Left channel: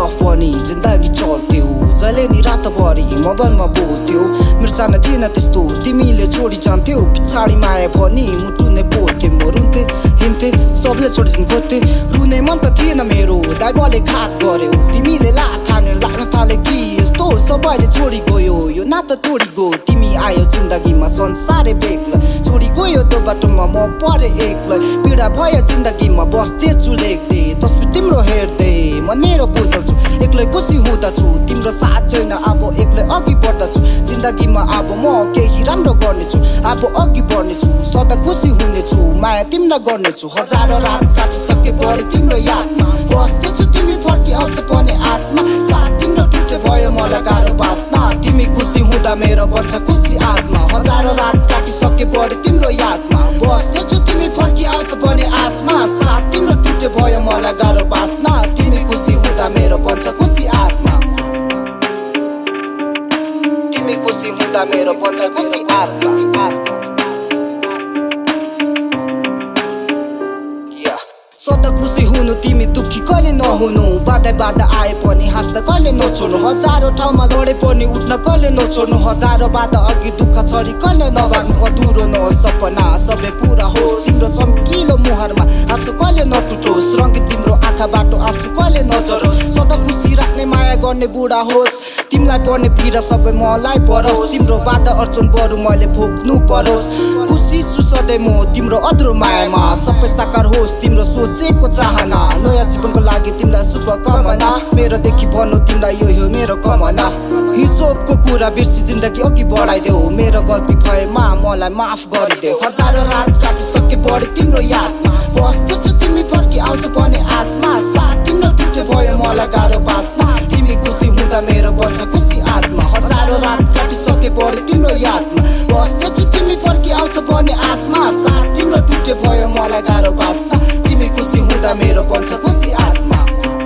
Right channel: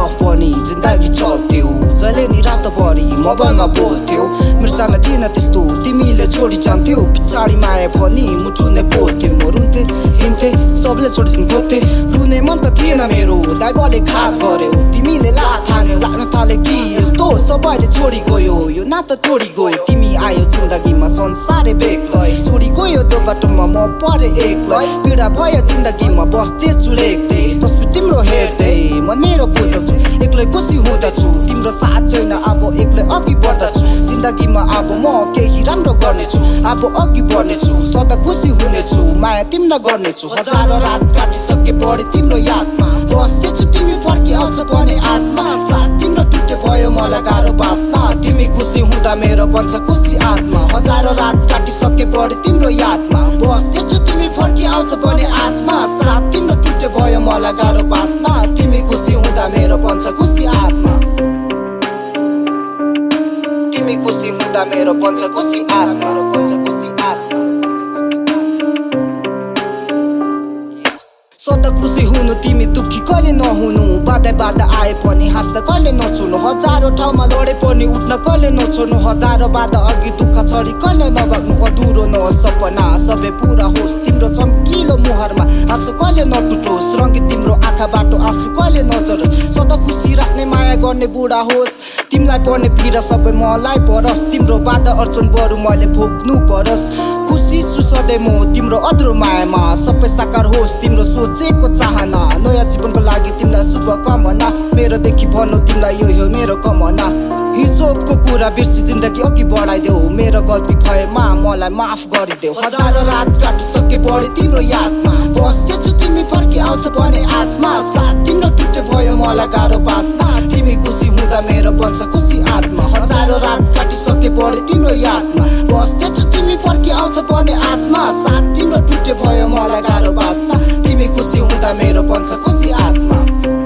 love पनि जिन्दगी चल्थ्यो जहिले नि रातभरि मोबाइलमा बोल्थ्यो मेरो चाहना थिएन त्यस्तो तिमीले छोडी जान्थ्यौ पछाडि माया पनि मुटु नै पोल्थे म रुन्थे हिँड्थे सबले छोडिदिन खोज्थे रुने मन त थिएन मेरो दाइबले घात गर्यो तिमीले लात हान्यो लाग्न थाले कि यस्तो सबैले छोडी गयो यो नाता तोडी गयो तिमी आयो जिन्दगीमा संसारै बेग्लै छोडी गयो त्यो बाटोमा म परे एक्लै पीडा भयो जिन्दगीमा बस्दैछु लेख्दै तस्बिर तिम्रो हेर्दै म मेरो बुझाउँछु एक्लै खुसी हुँदछु तिम्रो साथ छैन अब एक्लै अघि बढ्दछु जिन्दगीमा अब म केही राम्रो गर्नेछु अब अघि बढ्नेछु सदा खुसी हुनेछु माया तिमीलाई गर्नेछु हजारौं रात काटिसके बढे तिम्रो यादमा बस्दैछु तिमी फर्की आउँछ पनि आसमा साथ तिम्रो टुटे भयो मलाई गाह्रो बाँच्न तिमी खुसी हुँदा मेरो बन्छ खुसी आत्मा हजारौं रात काटिसके बढे तिम्रो यादमा बस्दैछु तिमी फर्की आउँछ पनि आसमा साथ तिम्रो टुटे भयो मलाई गाह्रो बाँच्न तिमी खुसी हुँदा मेरो बन्छ खुसी आत्मा तिमी खुसी हुँदा मेरो बन्छ खुसी आत्मा सदा खुसी हुनु तिमी दुखी कहिले नहुनु बाधा आए पनि हाँस्दा कहिले नछोड्नु हजारौं ठाउँमा लडे पनि उठ्न कहिले नछोड्नु हजारौं बाधा अघि दुःख छडी कहिले नभाग्नु अधुरो नहोस् सपना सबै पूरा होस् तिम्रो चम्किलो मुहारमा आँसु कहिले नटुटोस् रङ्गी तिम्रो आँखाबाट आँसु कहिले नझरोस् सदा खुसी राख्ने माया गर्ने बुढा होस् तिमीलाई पर्ने पीडा सबै मलाई परोस् तिम्रो बाधा अर्चन बरु मैले भोग्नु परोस् खुसी छु सधैँ म तिम्रो अधुरो मायामा सबै साकार होस् तिम्रो सोचेको चाहना नयाँ जीवनको लागि तिमीलाई शुभकामना मेरो देखि भन्नु तिमीलाई यो हो मेरो कमना हिजोको कुरा बिर्सी जिन्दगी अघि बढाइदेऊ मेरो गल्ती भएमा मलाई माफ गरिदेऊ हजारौं रात काटिसके बढे तिम्रो यादमा बस्दैछु तिमी फर्की आउँछ पनि आसमा साथ तिम्रो टुटे भयो मलाई गाह्रो बाँच्न तिमी खुसी हुँदा मेरो बन्छ खुसी आत्मा हजारौं रात काटिसके बढे तिम्रो यादमा बस्दैछु तिमी फर्की आउँछ पनि आसमा साथ तिम्रो टुटे भयो मलाई गाह्रो बाँच्न तिमी खुसी हुँदा मेरो बन्छ खुसी आत्मा